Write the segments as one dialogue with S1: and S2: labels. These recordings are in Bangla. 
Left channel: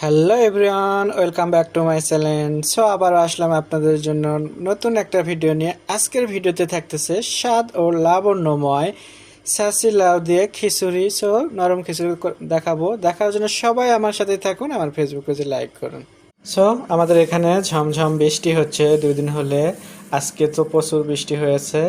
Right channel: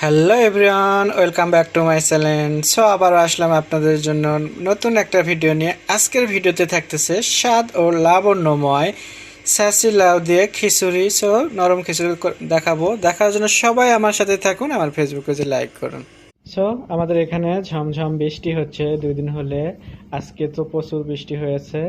S1: Hello everyone welcome back to my channel so আবার আসলাম আপনাদের জন্য নতুন একটা ভিডিও নিয়ে। আজকের ভিডিওতে থাকতেছে স্বাদ ও লাবণ্যময় সাসি লাউ দিয়ে খিচুড়ি। সো নরম খিচুড়ি দেখাবো। দেখার জন্য সবাই আমার সাথে থাকুন, আমার ফেসবুক পেজে লাইক করুন। সো আমাদের এখানে ঝমঝম বৃষ্টি হচ্ছে। দুদিন হলে আজকে তো প্রচুর বৃষ্টি হয়েছে।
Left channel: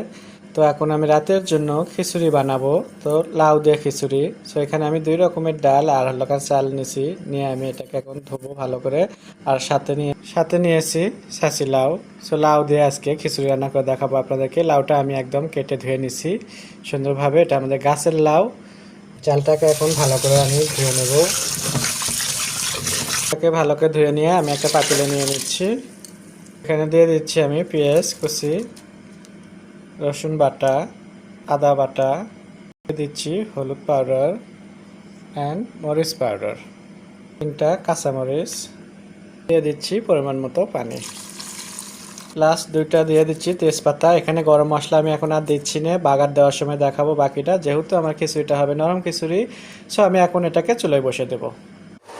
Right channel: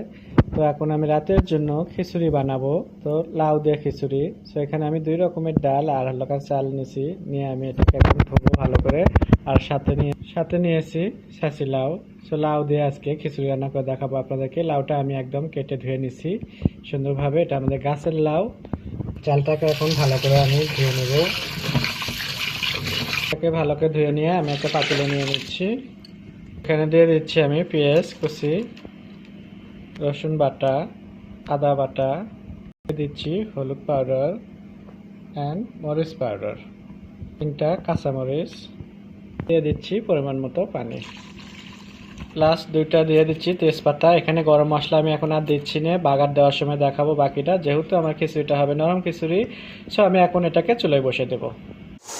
S1: তো এখন আমি রাতের জন্য খিচুড়ি বানাবো। তো লাউ দিয়ে খিচুড়ি। সো এখানে আমি দুই রকমের ডাল আর হালকা চাল নিয়েছি। নিয়ে আমি এটাকে এখন ধোবো ভালো করে। আর সাথে নিয়ে, সাথে নিয়েছি সাসি লাউ। সো লাউ দিয়ে আজকে খিচুড়ি রান্না করে দেখাবো আপনাদেরকে। লাউটা আমি একদম কেটে ধুয়ে নিছি। সুন্দরভাবে এটা আমাদের গাছের লাউ। চালটাকে এখন ভালো করে আমি ধুয়ে নেব। এটাকে ভালো করে ধুয়ে নিয়ে আমি একটা পাতিলে নিয়ে নিচ্ছি। এখানে দিয়ে দিচ্ছি আমি পেঁয়াজ কুচি। রসুন বাটা, আদা বাটা দিচ্ছি হলুদ পাউডার অ্যান্ড মরিচ পাউডার। তিনটা কাঁচামরিচ দিয়ে দিচ্ছি পরিমাণ মতো পানি। লাস্ট দুইটা দিয়ে দিচ্ছি তেজপাতা। এখানে গরম মশলা আমি এখন আর দিচ্ছি না। বাগার দেওয়ার সময় দেখাবো বাকিটা। যেহেতু আমার খিচুড়িটা হবে নরম খিচুড়ি সো আমি এখন এটাকে চুলোয় বসে দেবো।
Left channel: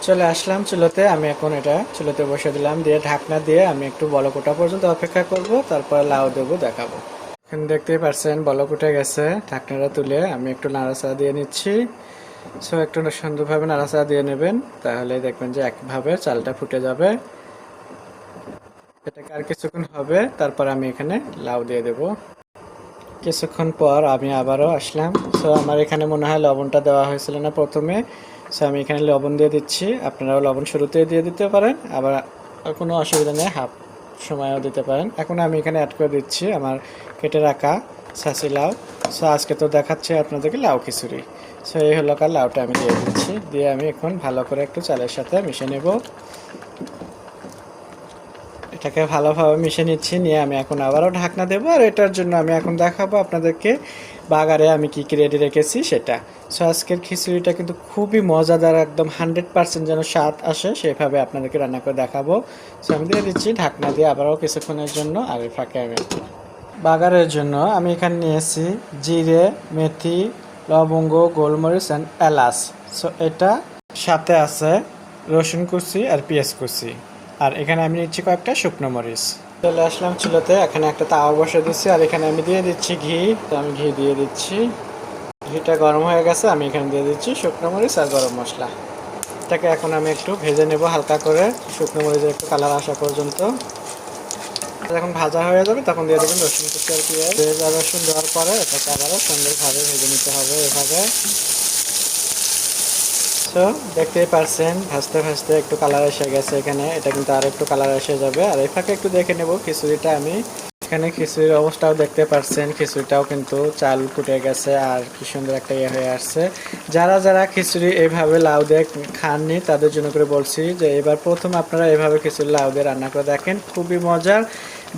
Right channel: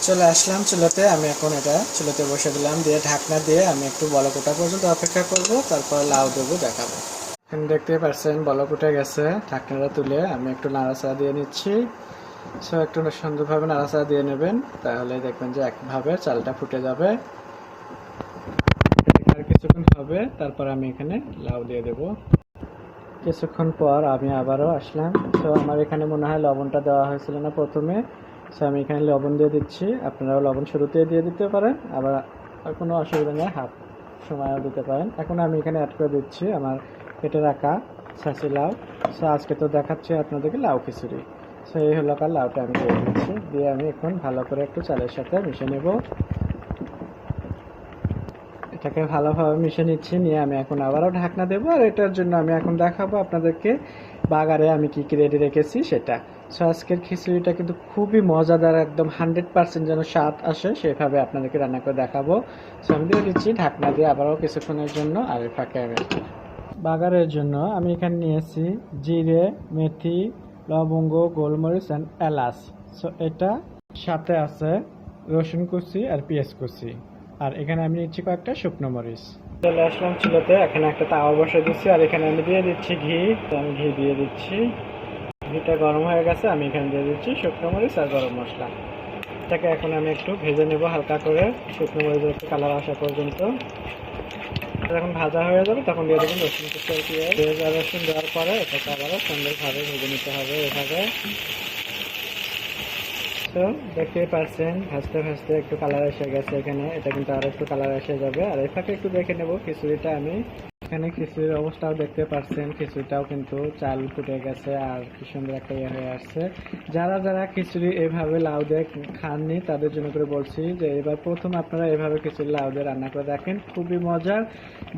S1: চলে আসলাম চুলোতে। আমি এখন এটা চুলোতে বসে দিলাম। দিয়ে ঢাকনা দিয়ে আমি একটু বলকোটা পর্যন্ত অপেক্ষা করব। তারপর লাউ দেবো দেখাবো। এখানে দেখতেই পারছেন, বলক উঠে গেছে। ঢাকনাটা তুলে আমি একটু নাড়াচাড়া দিয়ে নিচ্ছি। সো, একটু সুন্দরভাবে নাড়াচাড়া দিয়ে নেবেন, তাহলে দেখবেন যে একভাবে চালটা ফুটে যাবে। আর কিছুক্ষণ হবে, তারপর আমি এখানে লাউ দিয়ে দেবো। কিছুক্ষণ পর আমি আবারও আসলাম। সো, আমার এখানে মনে হয় লবণটা দেওয়া হয়েছিল না প্রথমে। সো, আমি এখানে লবণ দিয়ে দিচ্ছি। আপনারাও লবণ শুরুতে দিয়ে দিতে পারেন। আবার কোনো অসুবিধা নেই, হাফ সময়ও দিতে পারেন। এখন আমি এখানে অ্যাড করে দিচ্ছি আমার কেটে রাখা সাসি লাউ। সো আজকে তো দেখাচ্ছি আপনাদেরকে লাউ খিচুড়ি। সো এই হলো কার লাউটা আমি দিয়ে দিচ্ছি। দিয়ে আমি এখন ভালো করে একটু চালের সাথে মিশে নেব। এটাকে ভালোভাবে মিশে নিচ্ছি, নিয়ে আমি এখন আবারও ঢাকনা দেবো আর এটার জন্য আমি এখন দেখাবো আপনাদেরকে বাগারে আমি কি কি রেডি রেখেছি সেটা। সো আজকের খিচুড়িটা কিন্তু খুবই মজাদার, একদম হান্ড্রেড পার্সেন্ট যেন স্বাদ আসে, সেভাবে আপনাদেরকে রান্না করে দেখাবো। সো আমি দিয়ে দিচ্ছি ঢাকনা দিয়ে আবারও কিছুক্ষণের জন্য আর ফাঁকে বাগারের জন্য আমি এখানে নিয়েছি জিরে, মেথি, লবঙ্গ, গোলমরিচ অ্যান্ড এলাচ। সো এটা সাথে আছে রসুন কুচি আর পেঁয়াজ কুচি। আর এখানে আমি নিচ্ছি কয়েকটা শুকনো মরিচ। চলে আসলাম চুলোতে, এখানে একটা তাওয়া বসে দিচ্ছি, আর এখানে আমি দিয়ে দিচ্ছি ঘি। তো আমি ঘি দিয়ে দিচ্ছি। ঘিটা গরম হয়ে গেছে, আমি এখানে দিয়ে দিচ্ছি শুকনো মরিচ আর গরম মশলা। এটাকে এখন আমি একটু ভেজে নেব হালকা করে, শুকনো মরিচের একটু কালার আসা পর্যন্ত। যখন ভাজা হয়ে যাবে, তখন দিয়ে দেবেন রসুন কুচি আর পেঁয়াজ। রসুন দেওয়ার পরে এটাকে আবারও সুন্দরভাবে ভেজে নিতে হবে এভাবে। তো দেখতেই পারছেন ভাজতে ভাজতে একটু কালার এসে গেছে এখানে। এটা কিন্তু আর একটু কালার এসে যাবে। আর এই ফাঁকে একটু দেখে নেব খিচুড়িটা আমি। এখানে খিচুড়ির অবস্থাও দেখতে পাচ্ছেন খিচুড়িটাও কিন্তু চাল ফুটে গেছে আর কি সুন্দর একটা ইয়ে হয়ে আসছে। যারা যারা খিচুড়ি এইভাবে লাউ দিয়ে খাননি, তাদের জন্য করে বলছি যে এবার প্রথম আপনারা এভাবে খিচুড়ি লাউ দিয়ে রান্না করে দেখেন, খুবই মজার।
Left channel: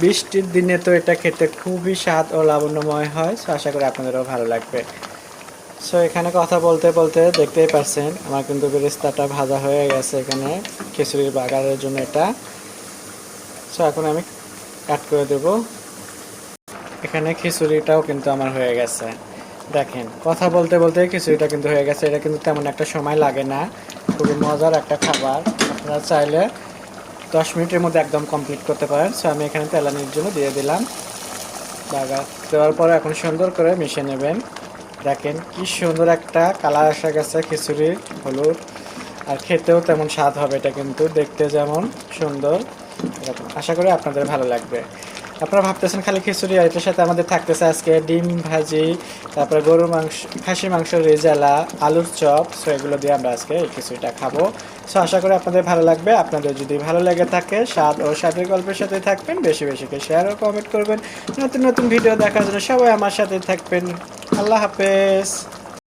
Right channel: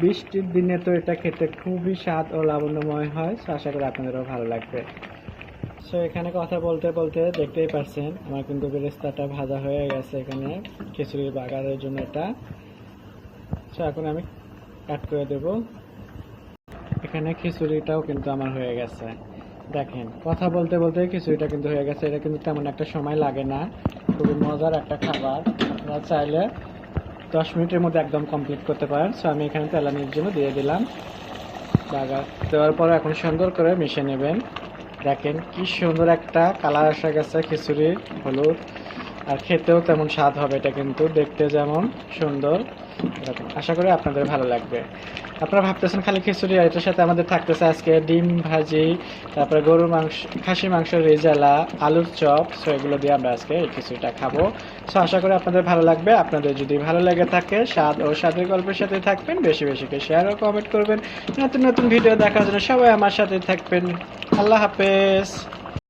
S1: বৃষ্টির দিনে তো এটা খেতে খুবই স্বাদ ও লাবণ্যময় হয় আশা করি আপনাদেরও ভালো লাগবে। সো এখানে কথা বলতে বলতে দেখতেই পাচ্ছেন, আমার কিন্তু বেরেস্তাটা ভাজা হয়ে গেছে এখানে, খিচুড়ির বাগারের জন্য এটা। সো এখন আমি কাট করে দেব। এখানে খিচুড়িটাও কিন্তু আমার হয়ে গেছে। দেখেন, কথা বলতে বলতে খিচুড়িটা কিন্তু হয়ে গেছে। এটা কিন্তু তেমন একটা সময় লাগে না, খুবই মজার একটা খাবার। আপনারা চাইলে দশ মিনিটের মধ্যে একদম কমপ্লিট করতে পারেন। সো আমি এখানে তেলানির জন্য দিয়ে দিলাম। বাগার দেওয়ার পরে এখন সুন্দর করে মিশে নেবেন। দেখেন কি সুন্দর একটা কালার আসা গেছে খিচুড়ির হলুদ, আর খেতেও তেমন স্বাদ হবে এটা কিন্তু, দেখতে যেমন সুন্দর। আশা করি আপনাদের ভালো লাগবে। আপনারা ভাবতেছেন খালি খিচুড়ি আর এটার সাথে আমাদের থাকতেছে আজকে ডিম ভাজি, তারপরে গরুর মাংস, খাসি মাংস, রেজালা, আলুর চপ, সো এগুলো দিয়ে আমরা আজকে এই খিচুড়িটা খাব। সো আশা করি আপনাদের ভালো লাগবে। আপনাদের যদি ভালো লেগে থাকে, স্বাদ ও স্বাদের গল্পের সাথে থাকবেন, বেশি বেশি করে শেয়ার ও কমেন্ট করবেন। নতুন নতুন ভিডিও দেখার জন্য সবাই আমার সাথে থাকবেন। আল্লাহ হাফেজ।